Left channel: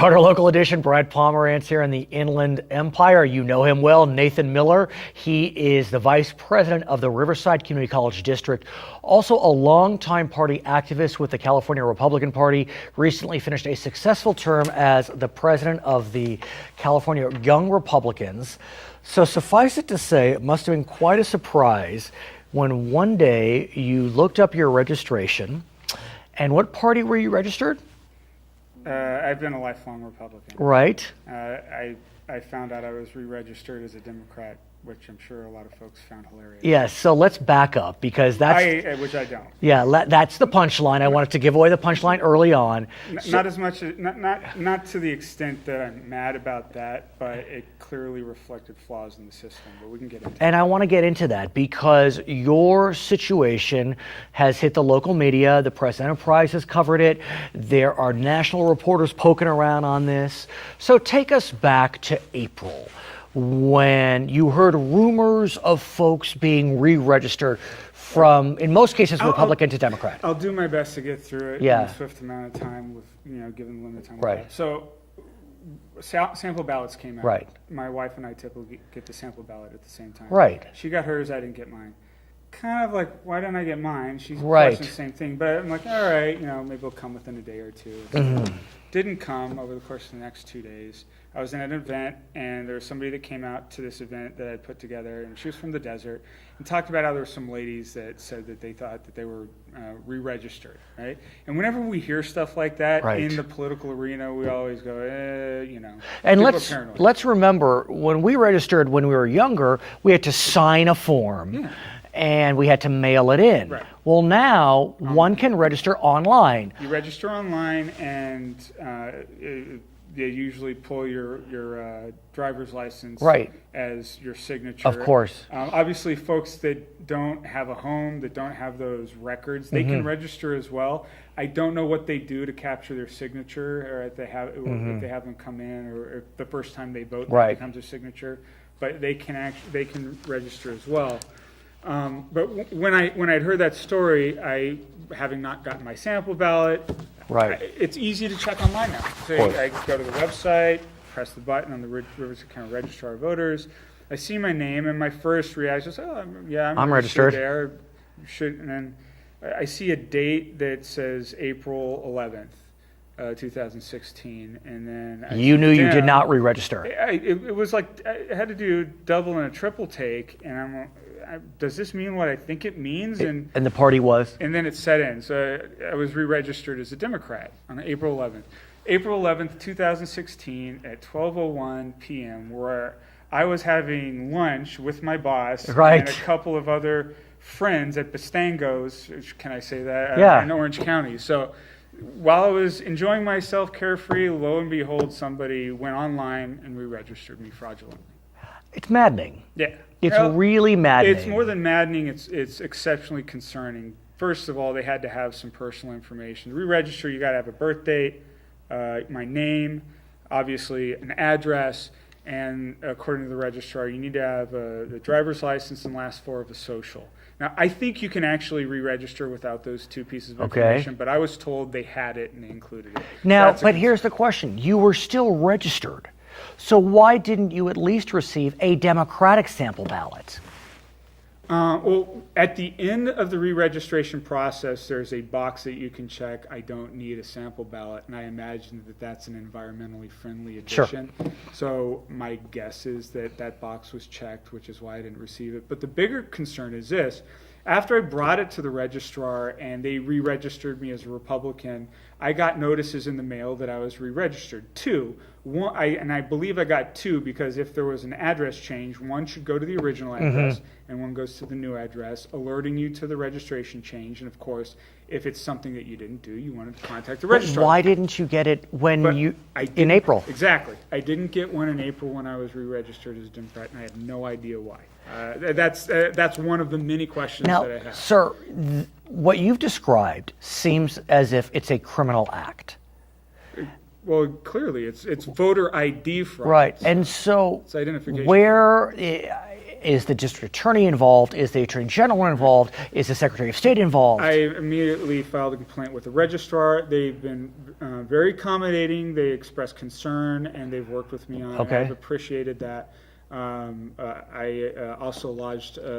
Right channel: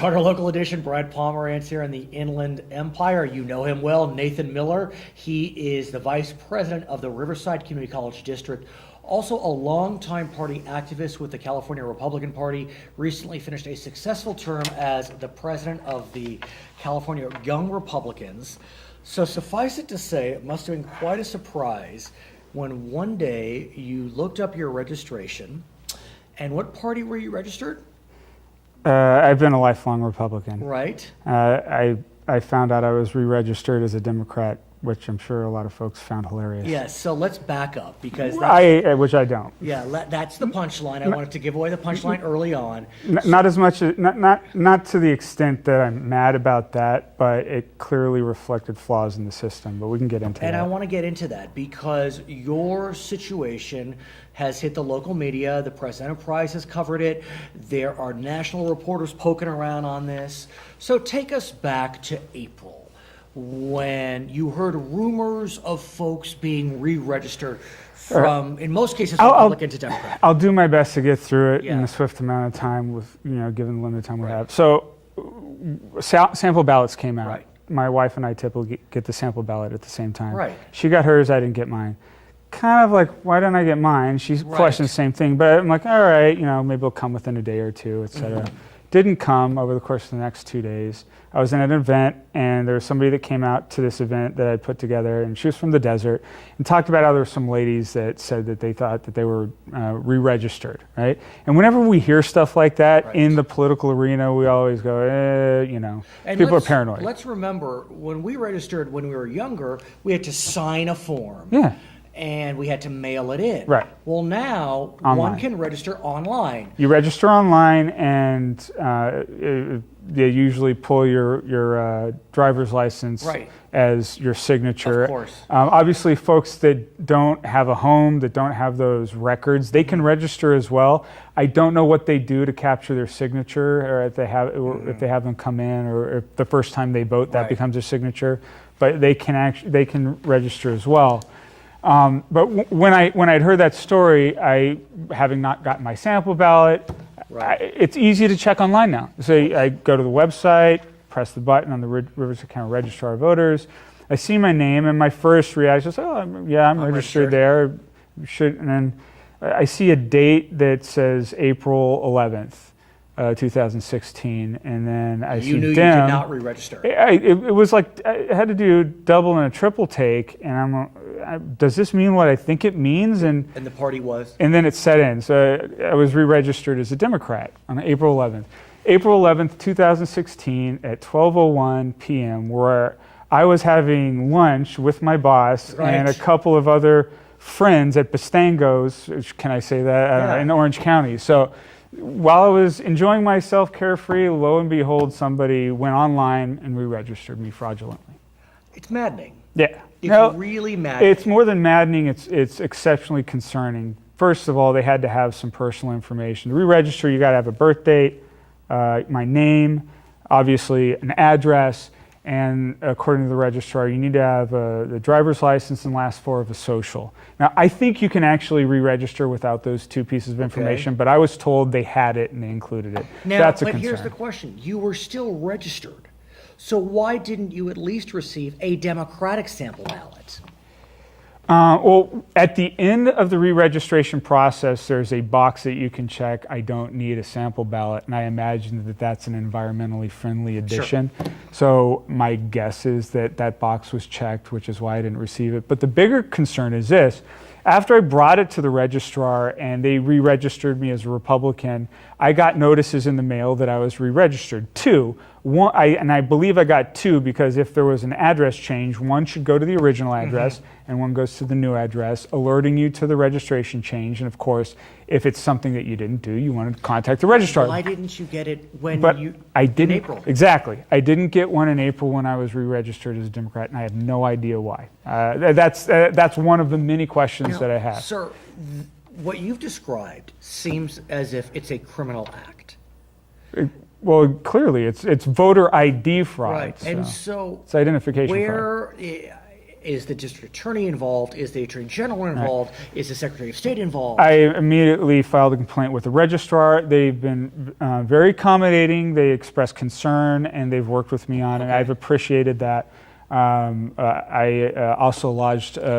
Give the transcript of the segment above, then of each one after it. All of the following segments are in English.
Charter Local Edition, Brad Pomerance here in the Inland Empire. You know him well, Nathan Miller. He is the Vice President of the Riverside Community College District, also a longtime party activist with the California Republican Party, recently finished a successful term as the President of the California Young Republicans. So suffice it to say, it must have been quite a surprise when one day you looked up your registration. And what party were you registered? I've been a lifelong Republican. Right. I found out I was re-registered as a Democrat, which I'm sure a lot of folks found hilarious. Yes, so let's back up because that's... which I don't. Yeah, that's the punchline. I wanted to give away the punchline early on. Not as much, not to the extent that I'm mad about that, but it clearly reflected flaws in the system, but we can get into that. And I want to get into that because your situation has hit the local media. The Press Enterprise has covered it. There are national reporters poking around on this. So take us back to April, when you heard rumors of folks being re-registered from, in most cases, Republican to Democrat. I'll do my best to get through it in a swift amount of time, with given the limited time we have. So, sample ballots came out. Right. My wife and I typically get the sample ballot at the same time. Right. She got hers, I didn't get mine. Kind of like, why didn't I get mine? She's questioning the same thing, but I'm like, all right, maybe it'll come within a day or two, etc. Didn't come over the course of the next 2 days. I was in an event, and there was somebody that came out to this event that I put together, and she was from the desert, and talked about how there were some ladies that said that they thought that they were re-registered, right? And whenever we hear stuff like that in the political arena, we always go, and people are paranoid. Let's remember, when we registered when we were younger, we had to sign a form. Yeah. And we had to mail it in. Right. Well, now one can register online. You register online, and they usually pull your driver's license as your signature. Of course. Obviously, folks that don't have a home, that don't have those records, they can register as well. I don't know what they do to capture their signature, or if they have them come in, or if the first time they vote that becomes their signature. But they can register as well. But when I'd heard that story, having not gotten my sample ballot, it's easy to check online now. So I go to the website, press the button on the Riverside County Registrar of Voters. I see my name, and my first reaction is, I'm registered there. And then I see a date that says April 11th, 2016, and then I You knew you did not re-register. It was like I had to do double and a triple take, and does this mean what I think it means? And the party was? And then it set in. So I was re-registered as a Democrat on April 11th. April 11th, 2016 at 12:01 p.m., where I was having lunch with my boss and a couple of other friends at Bastango's, can I say that, in Orange County. So while I was enjoying myself carefree, lo and behold, somebody went online and re-registered me fraudulently. It's maddening. Yeah. It's really maddening. It's more than maddening, it's exceptionally concerning. First of all, they had to have some personal information. To re-register, you got to have a birth date, my name, obviously an address, and according to the registrar, you need to have the driver's license and last four of a social. Now, I think you can actually re-register without those two pieces of information, but I was told they had it and they included it. Now, but here's the question. You were still registered. So why didn't you at least receive a Democratic sample ballot? Well, at the end of the re-registration process, there's a box that you can check, I don't need a sample ballot, and I imagine that that's an environmentally friendly addition. Sure. So my guess is that that box was checked, which is why I didn't receive it. But the bigger concern is this. After I brought it to the registrar and they re-registered me as a Republican, I got notices in the mail that I was re-registered. And I believe I got two, because if there was an address change, one should go to the original address and one goes to the new address, alerting you to the registration change. And of course, if it's something that you didn't do, you wanted to contact the registrar. Why didn't you get it in April? Exactly. I didn't get one in April when I was re-registered as a Democrat, and I have no idea why. That's one of the many questions that I have. Sir, what you've described seems as if it's a criminal act. Well, clearly, it's voter ID fraud. Right, and so it's identification fraud. Is the district attorney involved? Is the attorney general involved? Is the secretary of state involved? I immediately filed a complaint with the registrar. They've been very accommodating. They expressed concern, and they've worked with me on it. I've appreciated that. I also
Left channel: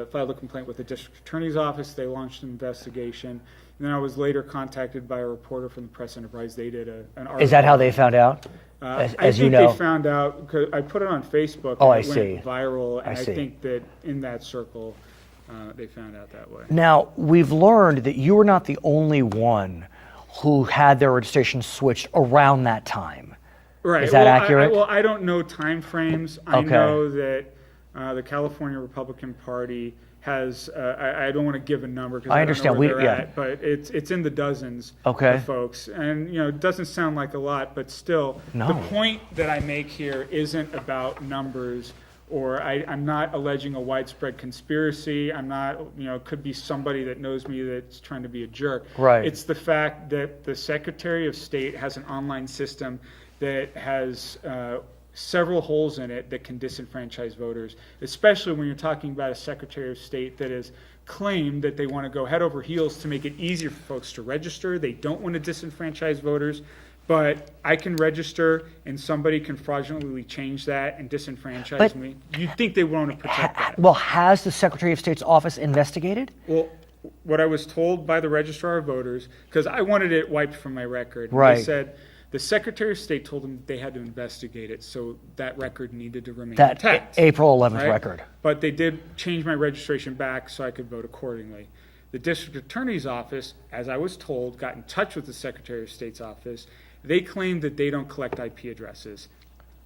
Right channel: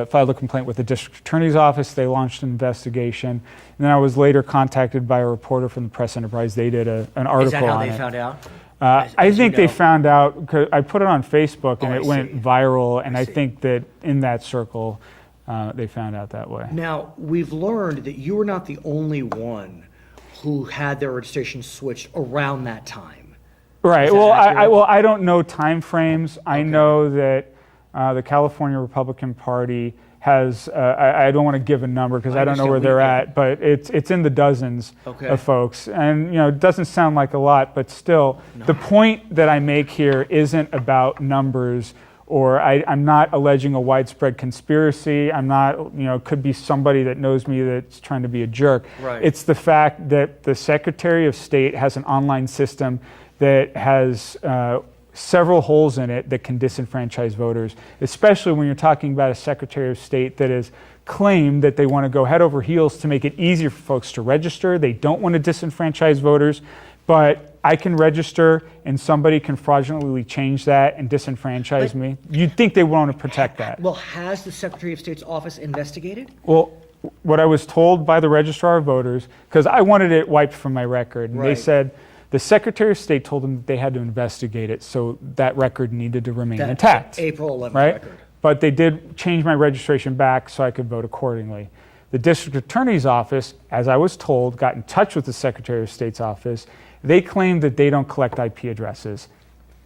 filed a complaint with the district attorney's office. They launched an investigation. And then I was later contacted by a reporter from the Press Enterprise. They did an article. Is that how on they it. found out? I think they found out because I put it on Facebook and it I went see. viral, and I see. think that in that circle, they found out that way. Now, we've learned that you were not the only one who had their registration switched around that time. Right. Is that Well, accurate? I don't know time frames. I Okay. know that the California Republican Party has. I don't want to give a number because I don't know understand. where they're Yeah. at, but it's in the dozens Okay. of folks, and it doesn't sound like a lot, but still, No. the point that I make here isn't about numbers. Or I'm not alleging a widespread conspiracy. I'm not, it could be somebody that knows me that's trying to be a jerk. Right. It's the fact that the Secretary of State has an online system that has several holes in it that can disenfranchise voters, especially when you're talking about a Secretary of State that has claimed that they want to go head over heels to make it easier for folks to register. They don't want to disenfranchise voters, but I can register and somebody can fraudulently change that and disenfranchise me. You'd think they want to protect that. Well, has the Secretary of State's office investigated? Well, what I was told by the Registrar of Voters, because I wanted it wiped from my record, and Right. they said the Secretary of State told them they had to investigate it, so that record needed to remain That intact. April 11th right? record. But they did change my registration back so I could vote accordingly. The District Attorney's Office, as I was told, got in touch with the Secretary of State's office. They claim that they don't collect IP addresses.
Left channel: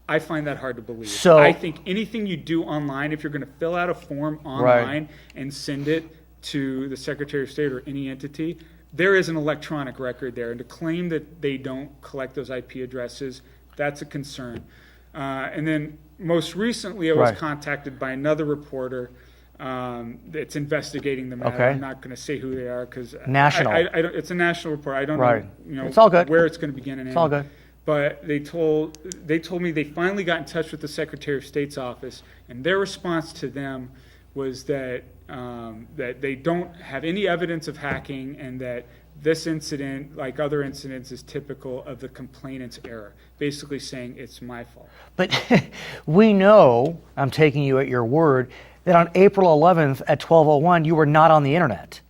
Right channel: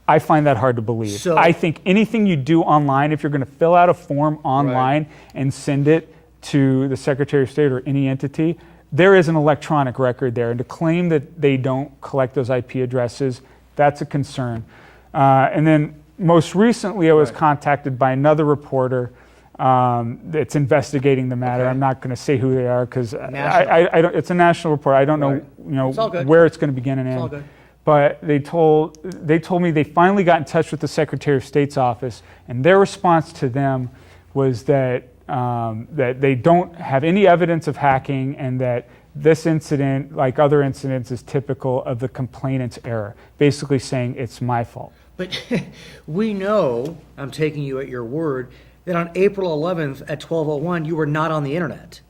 I find that hard to believe. So- I think anything you do online, if you're going to fill out a form online and send it to the Secretary of State or any entity, there is an electronic record there. And to claim that they don't collect those IP addresses, that's a concern. And then most recently, I was contacted by another reporter that's investigating the matter. Okay. I'm not going to say who they are because National. I don't. It's a national report. I don't know, It's all good. where it's going to begin and end. It's all good. But they told me they finally got in touch with the Secretary of State's office, and their response to them was that that they don't have any evidence of hacking, and that this incident, like other incidents, is typical of the complainant's error. Basically saying it's my fault. But we know, I'm taking you at your word, that on April 11th at 12:01, you were not on the internet.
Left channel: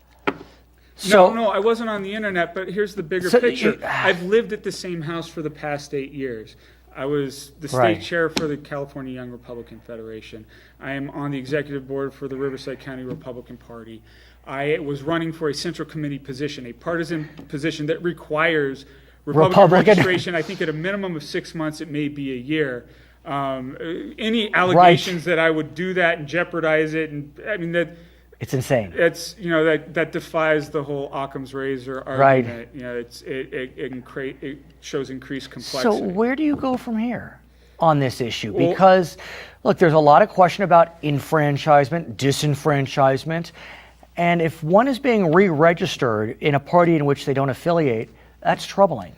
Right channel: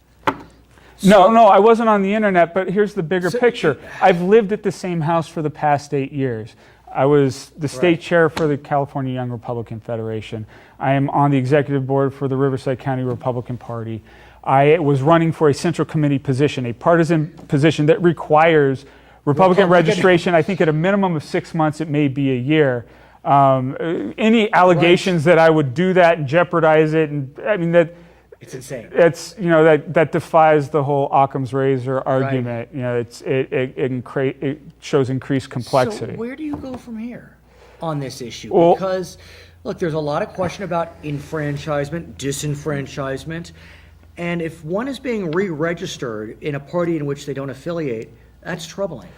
No, I wasn't on the internet, but here's the bigger So picture. I've lived at the same house for the past 8 years. I was the state chair for the California Young Republican Federation. I am on the executive board for the Riverside County Republican Party. I was running for a central committee position, a partisan position that requires Republican registration. I think at a minimum of 6 months, it may be a year. Any allegations that I would do that and jeopardize it, and I mean that. It's insane. It's that defies the whole Occam's razor argument. It shows increased complexity. So where do you go from here on this issue? Well, because look, there's a lot of question about enfranchisement, disenfranchisement, and if one is being re-registered in a party in which they don't affiliate, that's troubling.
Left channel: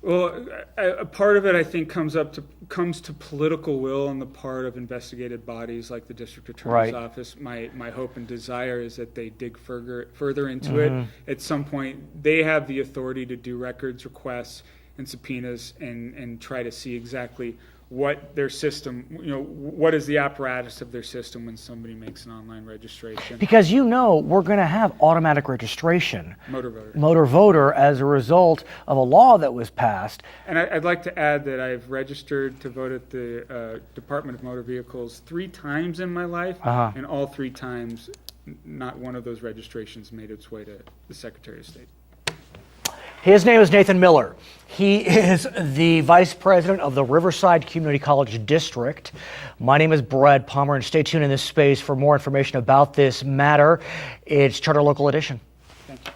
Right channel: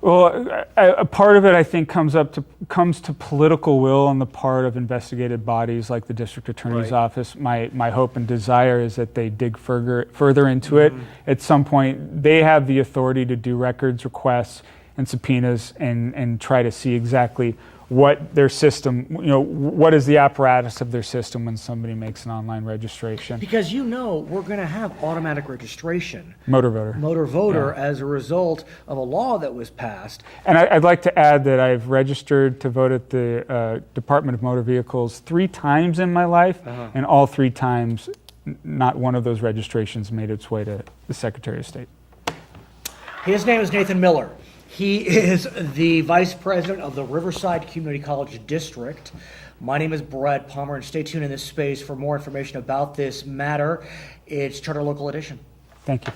Well, a part of it, I think, comes to political will on the part of investigative bodies like the District Attorney's Office. My hope and desire is that they dig further into it. At some point, they have the authority to do records requests and subpoenas and try to see exactly what their system, what is the apparatus of their system when somebody makes an online registration. Because we're going to have automatic registration. Motor voter. As a result of a law that was passed. And I'd like to add that I've registered to vote at the Department of Motor Vehicles 3 times in my life, and all 3 times, not one of those registrations made its way to the Secretary of State. His name is Nathan Miller. He is the vice president of the Riverside Community College District. My name is Brad Pomerance. Stay tuned in this space for more information about this matter. It's Charter Local Edition. Thank you.